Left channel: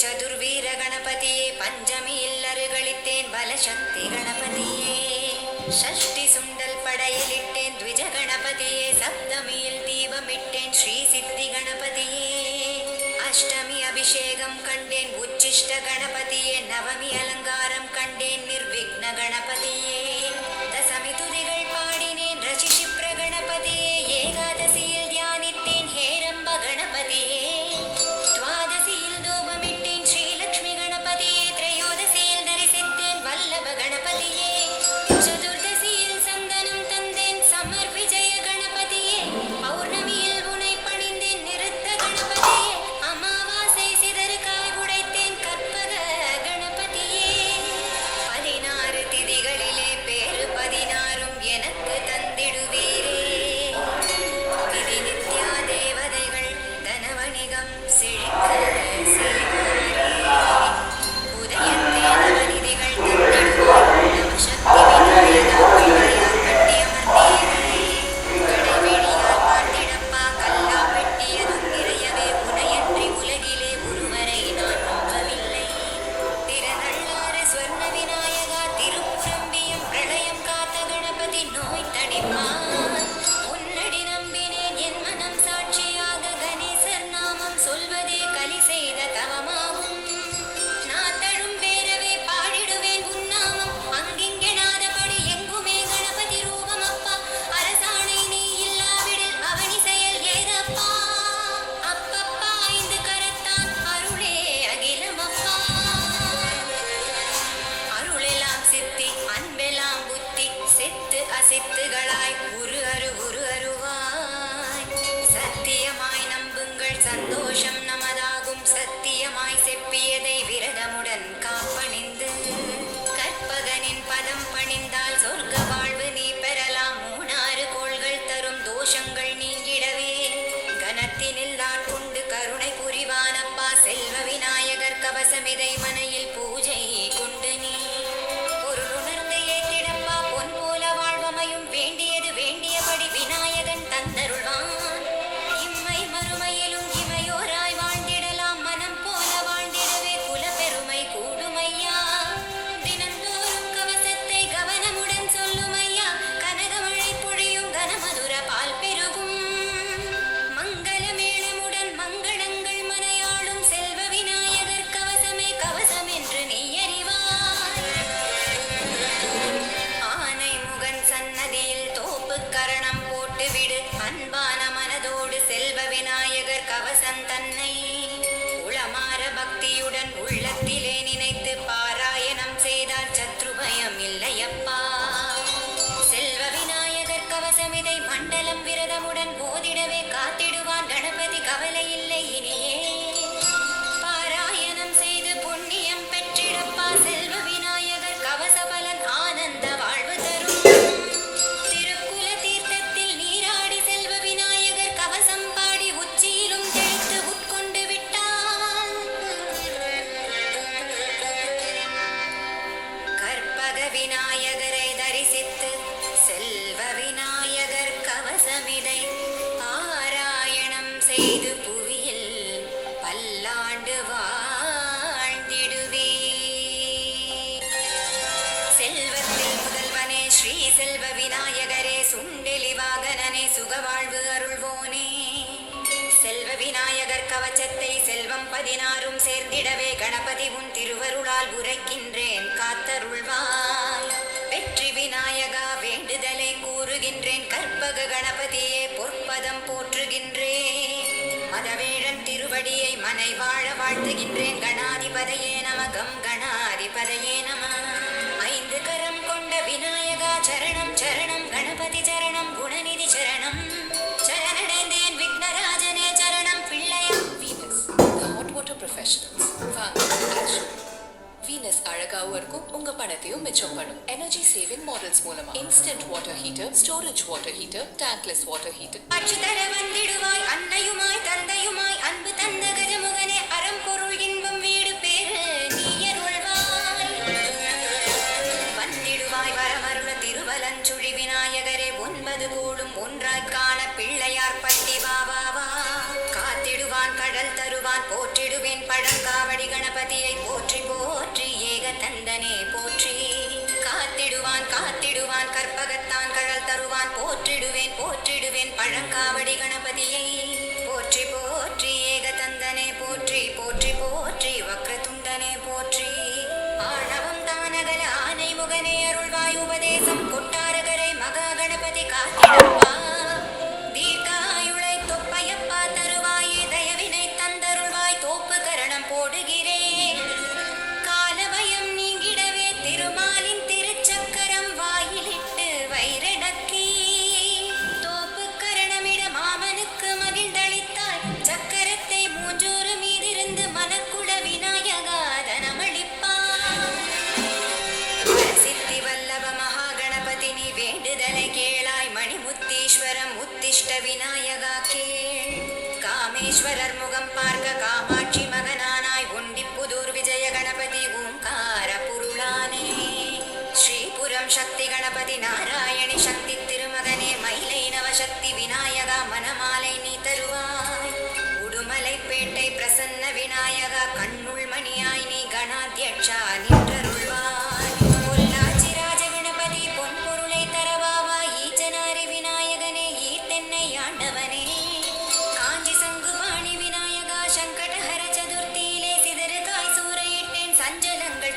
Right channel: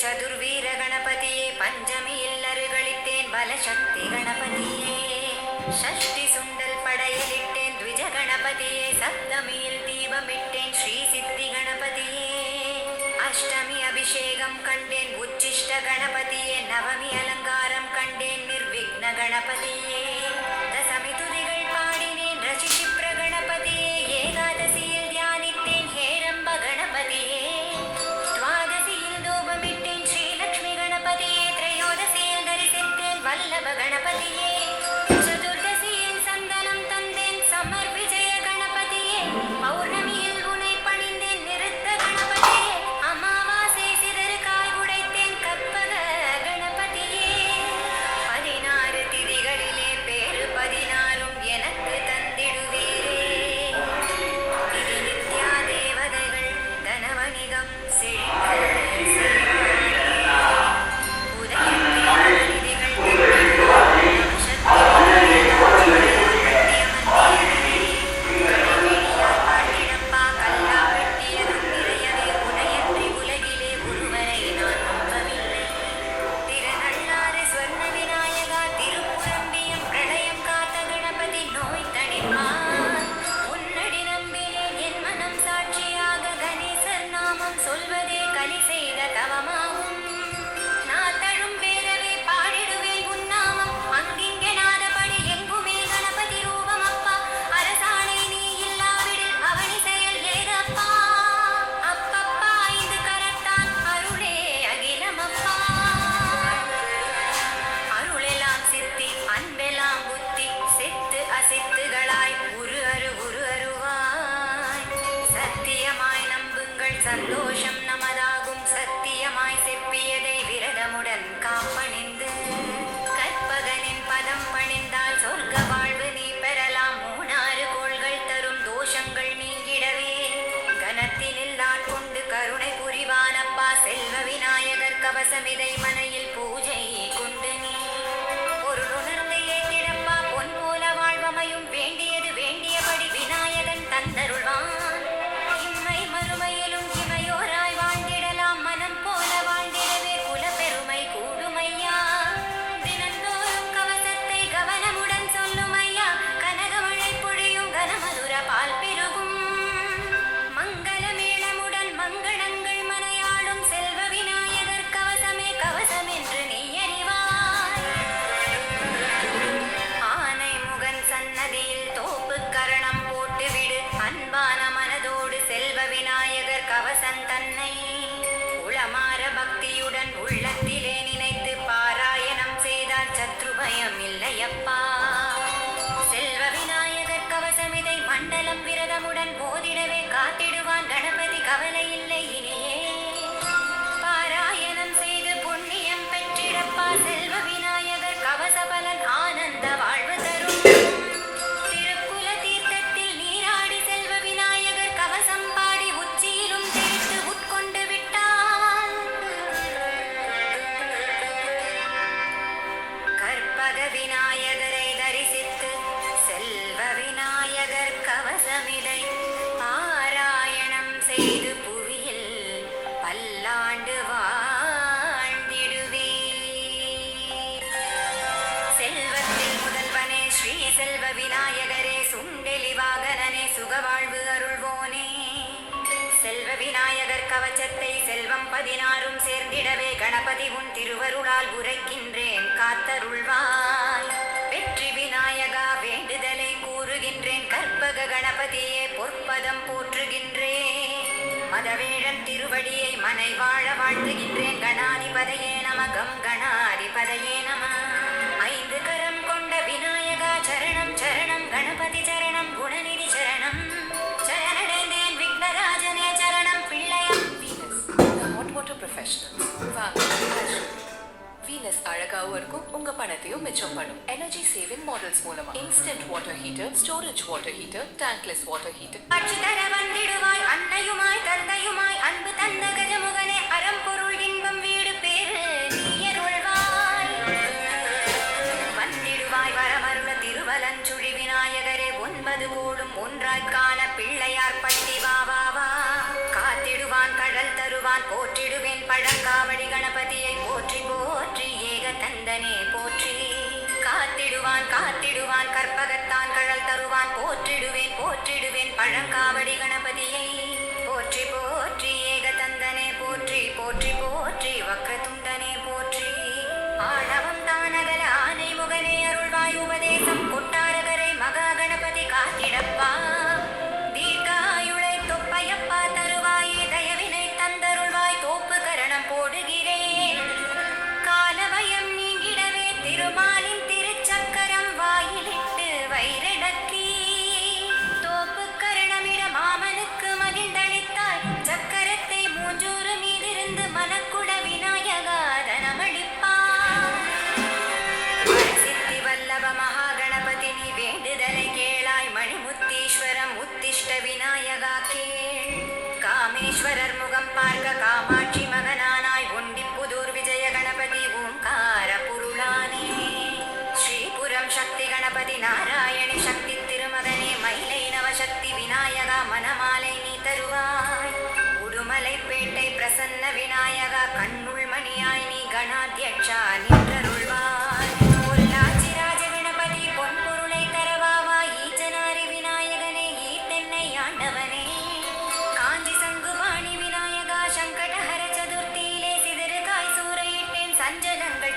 சதுர்வீர கணபதியே பஞ்சமியில் அருகளித்தேன் பலசக்தி கணபதியே ஷஷ்டி சுண்டல் படையலிட்டேன் த்விஜ கணபதியே சப்தமியில் தீபமிட்டேன் ஸ்ரீ சித்தி கணபதியே அஷ்டமி அபிஷேகம் கண்டேன் உச்சிஷ்ட கணபதியே நவமி அலங்காரம் கண்டேன் நிர்விக்ன கணபதியே தசமி துதிகள் பாடினேன் ரசிஷிப்ர கணபதியே ஏகாதசியில் தியானித்தேன் ஹேரம்ப கணபதியே துவாதசியில் தூபமிட்டேன் ஸ்ரீலக்ஷ்மி கணபதியே திரையோதசியில் தரிசித்தேன் வல்லப கணபதியே சதுர்தசியில் சந்தனம் தந்தேன் சமர் விஜய கணபதியே பௌர்ணமியில் உனை பணிந்தேன் நிறுத்த கணபதியே அமாவாசை சிதறு காய் உடைத்தேன் கற்பக கணபதியே 16 திதிகளிலே பேரு 16ம் எனக்கு தந்திடுவீரே விதி நித்யா தேவதைகள் தனவணிகம் செழிக்க சொல்வதே கலி செய்த தவமாகும் நான் தழும் பேரவே பாடிடுவேன் உன்னாமம் அங்கிங்கெனாதபடி எங்குமே கணபதி ரூபம் அப்பா அரசாணை நீ இல்லாவிடில் அவனி செயல் ஏதப்பா அப்பப்பா ஐந்து கரத்தான் அருளே அகிலமப்பா அருளெல்லாம் சித்தி அன்பெல்லாம் புத்தி சித்து அசித்துகளாய் உரு அருவாய் சத்தியமாய் நம்புங்கள் சந்தோஷம் நமதாகும் சத்தியமாய் செப்பியதை விரதமுடன் காப்பணிந்து கற்பகனின் பதம் பணிந்தால் சொர்க்க வாழ்வு நீ பெறலாம் 3 கோள்கள் தரும் தோஷங்கள் நீங்கிடவே கனத்தினில் நான் கொண்டு கருணை புரிவானப்பா செல்வ விநாயகர் கவசமிதை மனையில் பூஜை கொண்டு நீ பொருளுணர்ந்து ஏற்றிடப்பா பொன் போல வாழ்வமையும் வேண்டியது வேண்டியபடி விநாயகன் தந்தருள்வான் இம்மை மறுமையிலும் இமையோராய் வாழ்ந்திடலாம் மனம் போல வாழ்ந்திடவே குல பெருமை கூடுமையா தினந்தோறும் கவசத்தை கவனமுடன் சொல்லும் ஐயா கனகமழை பொழியும் கனமதுர பால் பெருகும் மங்கள மேளமுடன் மங்களங்கள் மனையாடும் செல்வ விநாயகர் கவசமே கவசம் என்று நீ அறிவாய் ஆனை முகன் சன்னதியில் தோப்பு கரணம் போட்டுவிடு அன்பான மனதோடு செல்வ விநாயகர் கவசம் தன்னை உளமாற பக்தியுடன் உள்ளத்திலே நினைத்து பாராயணம் செய்தால் சத்ரு பயம் இல்லையப்பா செல்வ விநாயகர் கவசமிதை மண்டலம் விரதமுடன் போதிடவே காத்திடுவான் கணபதி கவலை இல்லை இனியே பாராயணம் செய்து புண்ணியம் பெற்றிடப்பா செல்வ விநாயகர் கவச பலன் ஆனந்த வாழ்வு தரும் திருக்குல தீர்த்தத்தில் நீராடி செல்வ விநாயகர் கவசம் பாடி உச்சியிலும் தெளித்து உட்கொண்டு விட்டால் கற்பக விநாயகரை தரிசித்து செல்வ விநாயகர் கவசமிதை பாராயணம் செய்து புவியில் பல்லாண்டு வாழ்ந்திடுவே செல்வத்தில் முதல்வனே ஸ்ரீ செல்வ விநாயகரே சுண்டெலி வாகனனே சுகவாழ்வு அருள்வோனே செல்வ விநாயகர் கவச்சத்தை செல்வம் 16ம் சேர்ந்திடவே கணபதி உன் திருவருளால் உரைக்கின்றேன் காத்தருள்வாய் வெற்றி விநாயகா வேண்டுதலை கூறுகின்றேன் கற்பக கணபதியே பொற்பதம் போற்றுகின்றேன் மதவேழன் திருவடியை மனை வாழ வாழ்த்துகின்றேன் கணாதிபதையே நம கம் கணாதிபதையே நம 5 கரம் கொண்ட விநாயகா சரணம் சரணம் கணபதி சரணம் குணநிதி சரணம் சரணடைந்தேன் விக்னராஜனே சரணம் பிள்ளையா வீனஸ் ஹாட் வாட்டர் ப்ரொஃபஷனல்ஸ் வாங்க ஆக்ஷன் வீனஸ் அழகாவும் இருக்கும் உங்க பணத்தையும் மிச்சம் பண்ணும் எனர்ஜி சேவிங் மாடல்ஸ் மூலமா instant water heater storage water heater tankless water heater ஆட்சி தர வந்திடுவாய் அன்னையுமாய் தந்தையுமாய் அன்பு தந்த கஜமுகனே அறம்பொருள் இன்பம் வீடு பேரு நீயருள்வாய் வந்திடுவாய் வரமருள திருவலஞ்சுழி விநாயகரே 9 கோடும் ஒன்றாய் காண பிள்ளையார் பட்டி வா வா வா காத்திடுவாய் காத்திடுவான் கடல் தருவான் போற்றிடுவேன் பழங்காவடி கணபதியை போற்றி போற்றி ஏக தந்தனே போற்றி காத்திடுவான் காத்திடுவான் கற்பகத்தான் கடல் தருவான் போற்றிடுவேன் போற்றிடுவேன் பழங்காவடி கணபதியை போற்றி போற்றி ஏக தந்தனே போற்றி போற்றி போற்றி வக்ரதுண்டனே போற்றி ஆணவம் தானகல ஆனை முகனே அருள்வாய் உபதேசம் கொட்டாரகரை மகா கணபதி காத்திடுவா தீர்க்காயுளை தொப்பையப்பா தருவாயே தயவினை தந்தருள்வாய் தோப்பு கரணம் போடுகிறேன் காலமயம் நீங்கிடவே திருமாலின் திருச்சக்கரம் வாயிலிட்டு வைரடக்கி தோப்பு கரணமிட மாமனுக்கு மகிழ்ந்தளித்தார் சக்கரத்தை மூன்றூறு மீதிருந்து மனக்குட விநாயகாதனமளிப்பார் சித்தி வல்லப மகாகணபதி நீ வேண்டுதலை கேளாய் மணிமுத்தீஸ்வரம் உத்திஷ்ட விநாயகா கேள் காமேஸ்வரர் முகம் பார்க்க காமாட்சி மகனானாய் ஒண்டிப்புதூர் விஜய கணபதி ஓங்கார புருளானே ஸ்ரீபுரம் சக்தி கணபதி நாராயண சக்தி திருமகனே மயிலை நவசக்தி விநாயகா மணமாலை நீ தருவாய் உடுமலைப்பேட்டை பிரசன்ன விநாயகா கண்ணுள் மணியாய் நீ கணாத்யட்சா நின்றருள்வாய் பொள்ளாச்சி ராஜ கணபதி பொன்பொருளை தரவாவா ஈச்சனாரி விநாயகனே ஈட்டென்னை ஆண்டவனே காஞ்சி சங்குவாணி விநாயகா சங்கடஹர சதுர்த்தியிலே சிதறுகாய் சூறையிட்டேன் சஞ்சலங்கள்